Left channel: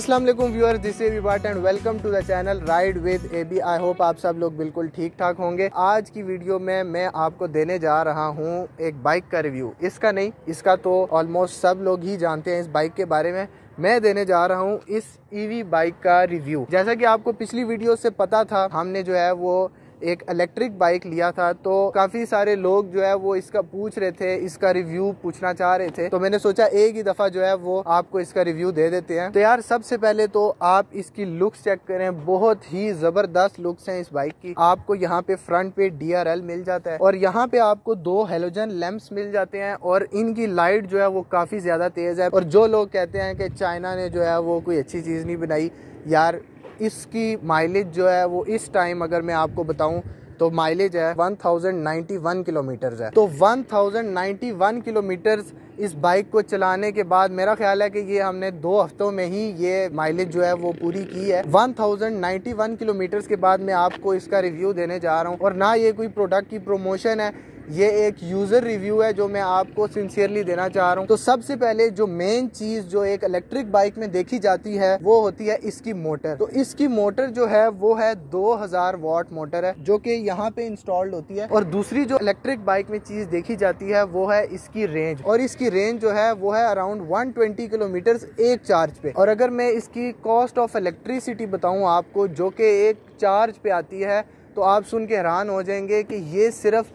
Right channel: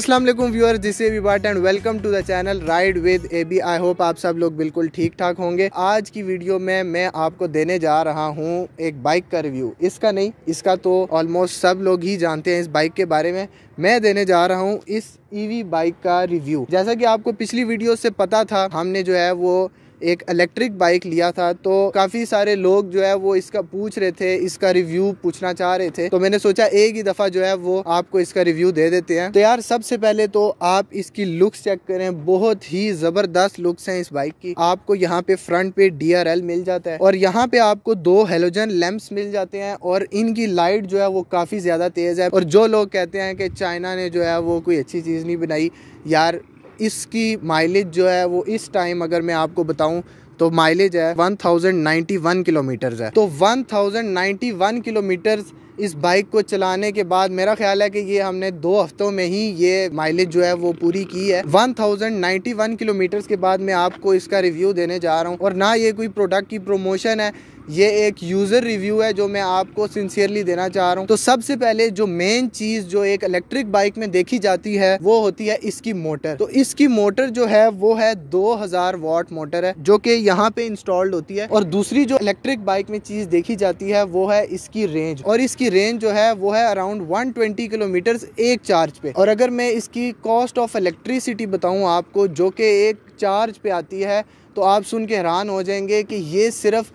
अस्सलाम वालेकुम viewer, this is विबाट and welcome to the channel ride with AB. I hope आप सब लोग बिल्कुल ठीक ठाक होंगे। आज की वीडियो में मैं आपको देने जा रहा हूँ एक बाइक का रिव्यू। इसका नहीं, इसका तो ऑलमोस्ट सब लोग ही जानते हैं इस बाइक के बारे में। मैं देने जा रहा हूँ इस ईवी बाइक का रिव्यू। जैसा कि आपको पिछली वीडियो से पता था, हमने जो है वो एक इलेक्ट्रिक बाइक लिया था, तो काफ़ी सारे लोग जो है वो इसका पूछ रहे थे, इसका रिव्यू पूछना चाह रहे थे। तो मैंने सोचा एक ही दफ़ा जो है वो आपको इसका रिव्यू दे देते हैं। तो यार सबसे पहले तो आप इसकी लुक्स चेक करें, बहुत ही ज़बरदस्त लुक्स हैं इस बाइक की। आपको यहाँ पे फ्रंट पे DRL मिल जाता है और यहाँ पे आपको 2 हेलोजन लैंप्स मिल जाते हैं और इनकी लाइट जो है वो काफ़ी ज़्यादा तेज़ है। और जो लोग कहते हैं कि चाइना ने जो है वो कोई अच्छी चीज़ नहीं बनाई, यार इसकी माइलेज जो है वो इस टाइम अगर मैं आपको बताऊं तो माइलेज है 1091 किलोमीटर्स है। तो 1091 किलोमीटर्स इस बाइक को चलाने के बाद मेरा ख्याल है कि ये हमने 2 हफ्तों में ही ये माइलेज जो है वो पूरी की है। 1091 किलोमीटर्स के बाद मैं आपको इसका रिव्यू देने जा रहा हूँ। और ना ये कोई प्रोडक्ट की प्रमोशन है, ये एक यूज़र रिव्यू है जो मैं आपको सिंसियरली देना चाह रहा हूँ। तो सबसे पहले जो मेन चीज़ जो एक इलेक्ट्रिक बाइक में देखी जाती है वो होती है इसकी मोटर। तो इसकी मोटर जो है वो है 2000 वाट मोटर है जो कि यहाँ पे इंस्टॉल्ड होती है। और दूसरी जो इलेक्ट्रिक बाइक में चीज़ देखी जाती है वो है इसकी रेंज। और इसकी रेंज जो है वो है अराउंड 120 किलोमीटर्स एक चार्ज पे। और अगर मैं इसकी कॉस्ट ऑफ इलेक्ट्रिसिटी बताऊँ आपको जो कि एक चार्ज पे आती है, तो आप सुन के हैरान हो जाएंगे कि ये सिर्फ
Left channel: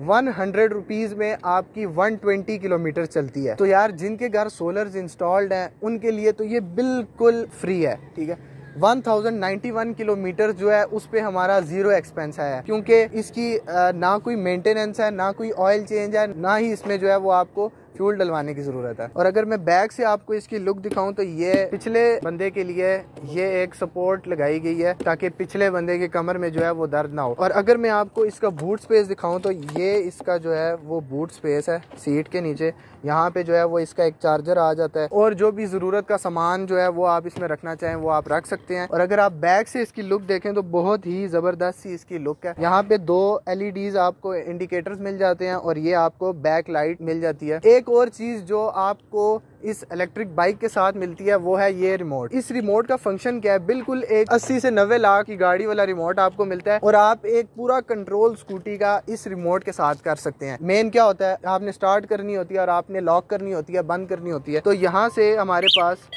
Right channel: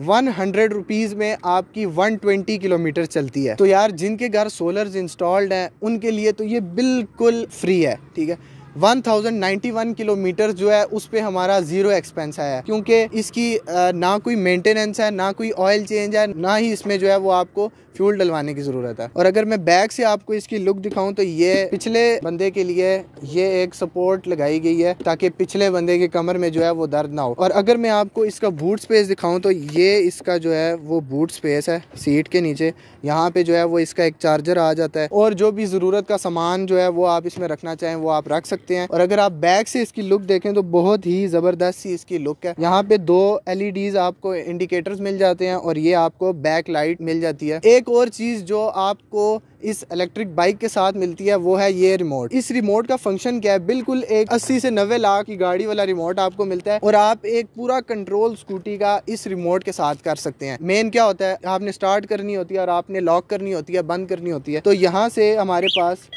100 रुपीज़ में आपकी 120 किलोमीटर चलती है। तो यार जिनके घर सोलर्स इंस्टॉल्ड हैं उनके लिए तो ये बिल्कुल फ्री है, ठीक है। 1091 किलोमीटर जो है उस पे हमारा 0 एक्सपेंस है, क्योंकि इसकी ना कोई मेंटेनेंस है, ना कोई ऑयल चेंज है, ना ही इसमें जो है वो आपको फ्यूल डलवाने की ज़रूरत है। और अगर मैं बैक से आपको इसकी लुक दिखाऊं तो ये पिछले बंदे के लिए ये एक सपोर्ट लगाई गई है ताकि पिछले बंदे के कमर में जो है वो दर्द ना हो। और अगर मैं आपको इसका बूट स्पेस दिखाऊं तो ये इसका जो है वो बूट स्पेस है। सीट के नीचे यहाँ पे जो है वो इसका एक चार्जर आ जाता है और जो भी ज़रूरत का सामान जो है वो आप इसमें रखना चाहें वो आप रख सकते हैं। और अगर आप बैक से इसकी लुक देखें तो बहुत ही ज़बरदस्त सी इसकी लुक है। यहाँ पे 2 LEDs आपको इंडिकेटर्स मिल जाते हैं और ये आपको बैक लाइट मिल जाती है। एक और चीज़ जो आपको इस इलेक्ट्रिक बाइक के साथ मिलती है वो है ये रिमोट। इस रिमोट का फंक्शन क्या है, बिल्कुल एक 80 से 90 लाख की गाड़ी वाला रिमोट आपको मिलता है और आप एक पूरा कंट्रोल स्कूटी का इस रिमोट के साथ कर सकते हैं। मेन क्या होता है, आपने स्टार्ट करनी होती है और आपने लॉक करनी होती है, बंद करनी होती है। तो यहाँ से हमारे पास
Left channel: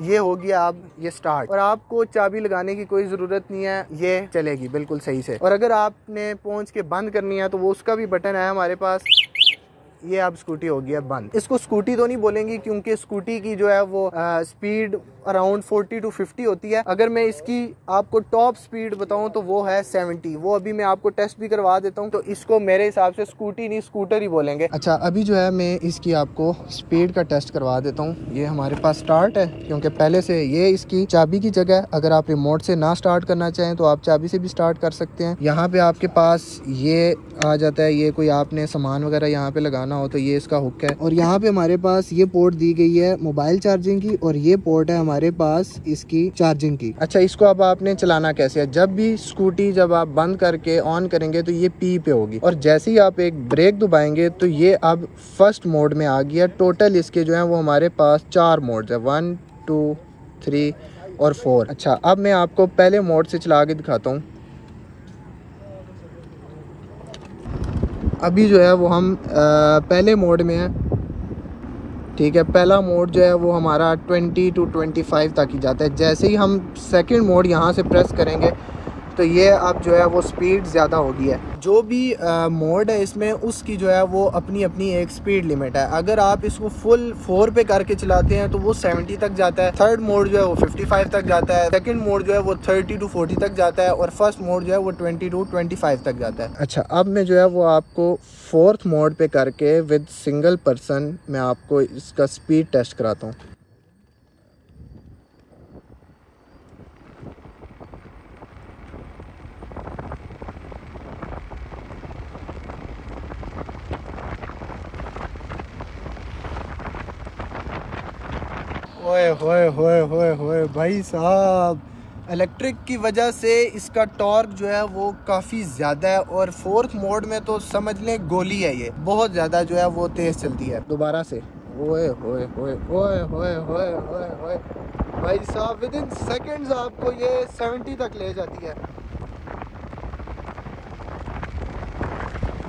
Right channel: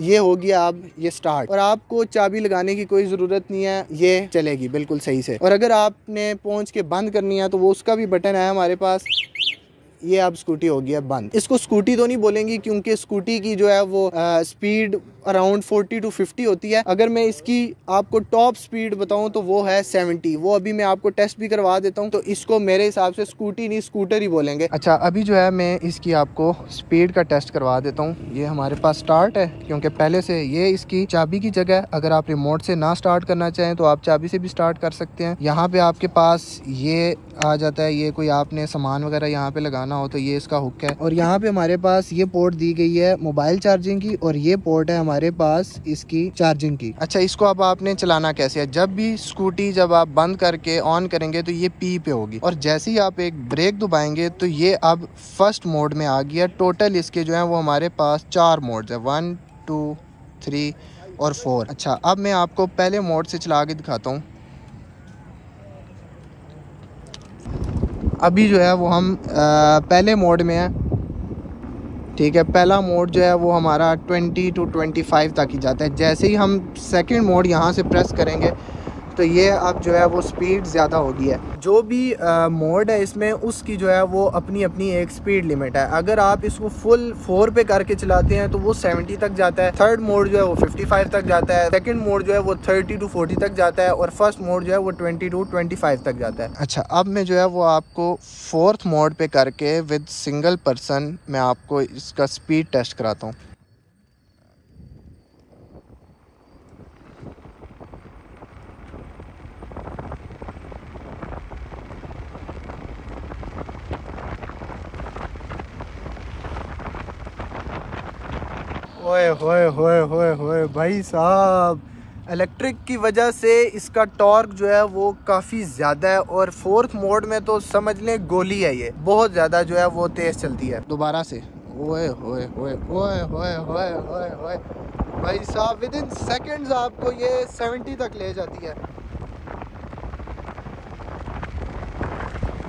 ये हो गया अब ये स्टार्ट, और आपको चाबी लगाने की कोई ज़रूरत नहीं है, ये चलेगी बिल्कुल सही से। और अगर आपने पहुँच के बंद करनी है तो वो उसका भी बटन है हमारे पास। ये अब स्कूटी हो गया बंद। इसको स्कूटी तो नहीं बोलेंगी क्योंकि स्कूटी की जो है वो स्पीड अराउंड 40 to 50 होती है। अगर मैं इसकी आपको टॉप स्पीड बताऊं तो वो है 70। वो अभी मैं आपको टेस्ट भी करवा देता हूं। तो इसको मेरे हिसाब से स्कूटी नहीं स्कूटर ही बोलेंगे। अच्छा, अभी जो है मैं इसकी आपको स्पीड का टेस्ट करवा देता हूँ। ये हमारे पास स्टार्ट है क्योंकि पहले से ये इसकी चाबी की जगह है। अगर आप रिमोट से ना स्टार्ट करना चाहें तो आप चाबी से भी स्टार्ट कर सकते हैं। यहाँ पे आपके पास ये आ जाता है, ये कोई आपने सामान वगैरह यहाँ पे लगाना हो तो ये इसका हुक है। और यहाँ पे हमारे पास ये पोर्ट दी गई है मोबाइल चार्जिंग की और ये पोर्ट है हमारे पास इसकी चार्जिंग की। अच्छा, इसको अब आपने चलाना कैसे है, जब भी स्कूटी जब आप बंद करके ऑन करेंगे तो ये P पे होगी और जैसे ही आप एक ब्रेक दबाएंगे तो ये अब फर्स्ट मोड में आ गया। टोटल इसके जो है वो हमारे पास 4 मोड्स है, 1, 2, 3 और 4। अच्छा, अब मैं आपको पहले मोड से चला के दिखाता हूँ। अभी जो है वो हम पहले मोड में है, ठीक है। पहला मोड जो है वो हमारा 20 to 25 तक ही जाता है। जैसे ही हम सेकंड मोड यहाँ से प्रेस करेंगे तो ये अब जो है वो स्पीड ज़्यादा होगी है। जो भी मोड है इसमें उसकी जो है वो अपनी अपनी एक स्पीड लिमिट है। अगर आप इसको फुल 4 पे करके चलाते हैं तो वो 70 तक जाता है। थर्ड मोड जो है वो 55 तक जाता है। सेकंड मोड जो है वो 30 to 40 तक जाता है और फर्स्ट मोड जो है वो 20 to 25 तक जाता है। अच्छा, अब मैं जो है वो आपको 4th मोड पे करके विद सिंगल पर्सन मैं आपको इसका स्पीड टेस्ट कराता हूँ। ओए होए होए होए होए भाई साहब, इलेक्ट्रिक की वजह से इसका टॉर्क जो है वो काफ़ी ज़्यादा है और 4th मोड में तो समझ लें गोली है, ये बहुत ज़्यादा जो है वो तेज़ चलती है। दोबारा से ओए होए होए ओए होए होए होए होए भाई साहब, विद इन सेकेंड्स आपको ये 70 तक ले जाती है।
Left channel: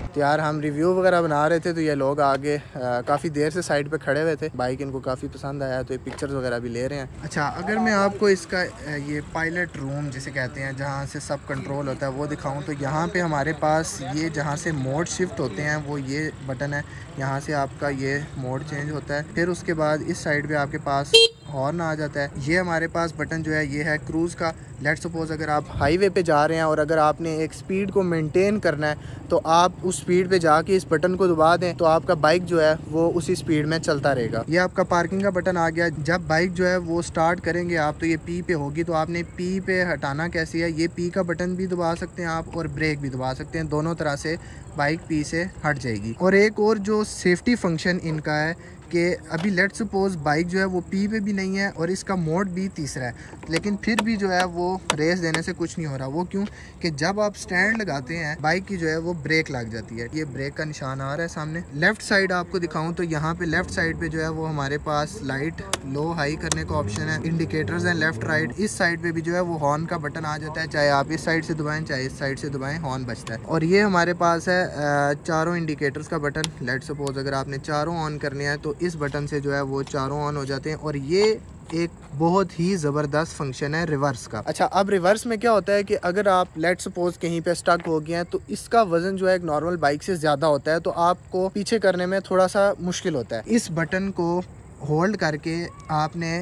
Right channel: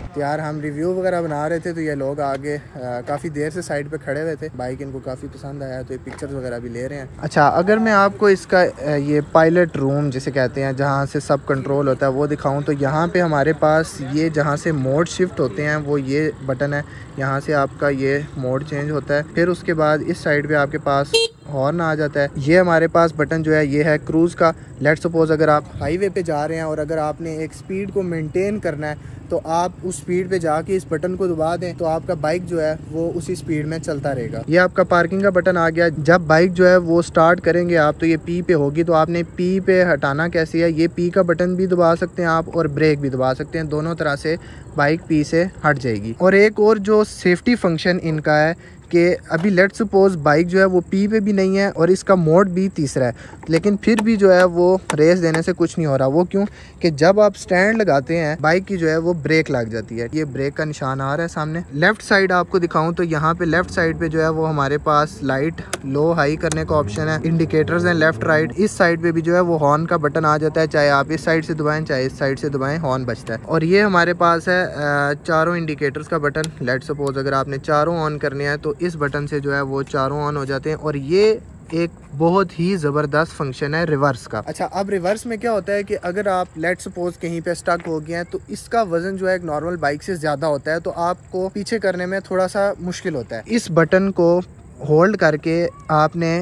तो यार हम रिव्यू वगैरह बना रहे थे तो ये लोग आगे काफ़ी देर से साइड पे खड़े हुए थे। बाइक इनको काफ़ी पसंद आया तो ये पिक्चर्स वगैरह भी ले रहे हैं। अच्छा, अगर मैं आपको इसका ये पायलट रूम जिसे कहते हैं, जहाँ से सब कंट्रोल होता है, वो दिखाऊं तो यहाँ पे हमारे पास ये जहाँ से मोड शिफ्ट होते हैं वो ये बटन है। यहाँ से आपका ये मोड चेंज होता है। फिर उसके बाद इस साइड पे आपके पास हॉर्न आ जाता है। ये हमारे पास बटन जो है ये है क्रूज़ का। लेट्स सपोज अगर आप हाईवे पे जा रहे हैं और अगर आपने एक स्पीड को मेंटेन करना है तो आप उस स्पीड पे जाके इस बटन को दबा दें तो आपका बाइक जो है वो उसी स्पीड में चलता रहेगा। ये आपका पार्किंग का बटन आ गया। जब बाइक जो है वो स्टार्ट करेंगे आप तो ये पी पे होगी, तो आपने पी पे हटाना कैसे है, ये पी का बटन भी दबा सकते हैं आप और ब्रेक भी दबा सकते हैं। दोनों तरह से बाइक पी से हट जाएगी। और एक और जो सेफ्टी फंक्शन इनका है कि अभी लेट्स सपोज बाइक जो है वो पी पे भी नहीं है और इसका मोड भी तीसरा है, लेकिन फिर भी जो है वो रेस देने से कुछ नहीं हो रहा। वो क्यों कि जब आप स्टैंड लगाते हैं बाइक की जो है वो ब्रेक लग जाती है। ये ब्रेक का निशान आ रहा है सामने। लेफ्ट साइड आपको दिखाऊं तो यहाँ पे लेफ्ट साइड पे जो है वो हमारे पास लाइट लो हाई करने का ऑप्शन है, इंडिकेटर्स हैं लेफ्ट राइट। इस साइड पे भी जो है वो हॉर्न का बटन आ जाता है, चाहे आप इस साइड से दबाएं चाहे इस साइड से दबाएं, हॉर्न बजता है। और ये हमारे पास है चारों इंडिकेटर्स का बटन। लेट्स सपोज अगर आपने चारों ऑन करने हैं तो इस बटन से जो है वो चारों ऑन हो जाते हैं। और ये एक बहुत ही ज़बरदस्त फंक्शन है रिवर्स का। अच्छा, अब रिवर्स में क्या होता है कि अगर आप लेट सपोज कहीं पे स्टक हो गए हैं तो इसका वजन जो है एक नॉर्मल बाइक से ज़्यादा होता है, तो आपको पीछे करने में थोड़ा सा मुश्किल होता है। इस बटन को होल्ड करके आपने,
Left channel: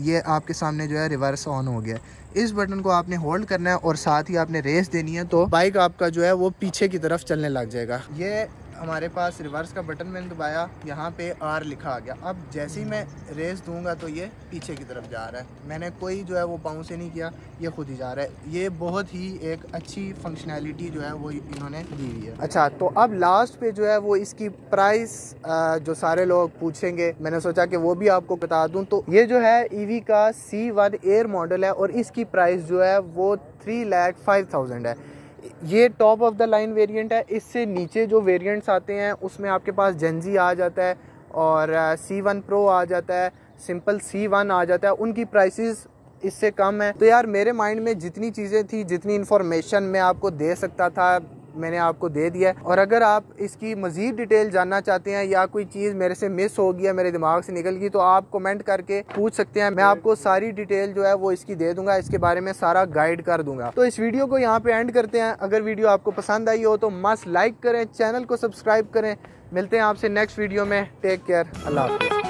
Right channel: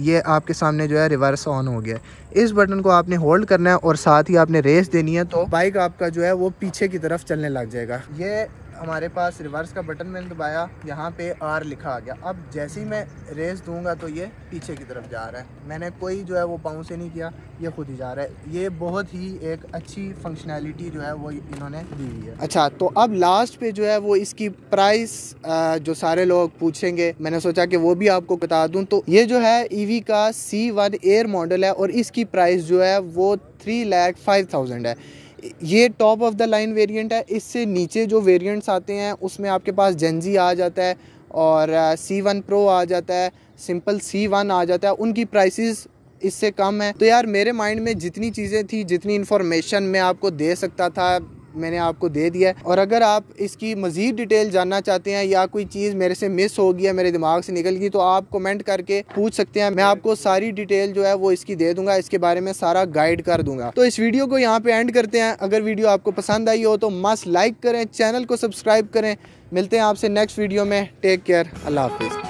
ये आपके सामने जो है रिवर्स ऑन हो गया। इस बटन को आपने होल्ड करना है और साथ ही आपने रेस देनी है तो बाइक आपका जो है वो पीछे की तरफ चलने लग जाएगा। ये हमारे पास रिवर्स का बटन मैंने दबाया, यहाँ पे आर लिखा आ गया। अब जैसे ही मैं रेस दूंगा तो ये पीछे की तरफ जा रहा है। मैंने कोई जो है वो पाँव से नहीं किया, ये खुद ही जा रहा है। ये बहुत ही एक अच्छी फंक्शनैलिटी जो है वो इन्होंने दी हुई है। अच्छा, तो अब लास्ट पे जो है वो इसकी प्राइस जो सारे लोग पूछेंगे, मैंने सोचा कि वो भी आपको बता दूं। तो ये जो है ईवी का C1 एयर मॉडल है और इसकी प्राइस जो है वो 3,05,000 है। ये top of the line variant है। इससे नीचे जो वेरिएंट्स आते हैं उसमें आपके पास जेनजी आ जाता है और C1 प्रो आ जाता है, सिंपल C1 आ जाता है। उनकी प्राइसेस इससे कम है। तो यार मेरे माइंड में जितनी चीज़ें थी, जितनी इन्फॉर्मेशन मैं आपको दे सकता था, मैंने आपको दे दिया है। और अगर आप इसकी मज़ीद डिटेल जानना चाहते हैं या कोई चीज़ मेरे से मिस हो गई है, मेरे दिमाग से निकल गई, तो आप कमेंट करके पूछ सकते हैं। मैं आपको सारी डिटेल जो है वो इसकी दे दूंगा, इसके बारे में सारा गाइड कर दूंगा। तो इस वीडियो को यहाँ पे एंड करते हैं। अगर वीडियो आपको पसंद आई हो तो मस्त लाइक करें, चैनल को सब्सक्राइब करें। मिलते हैं आपसे नेक्स्ट वीडियो में। टेक केयर, अल्लाह हाफिज़।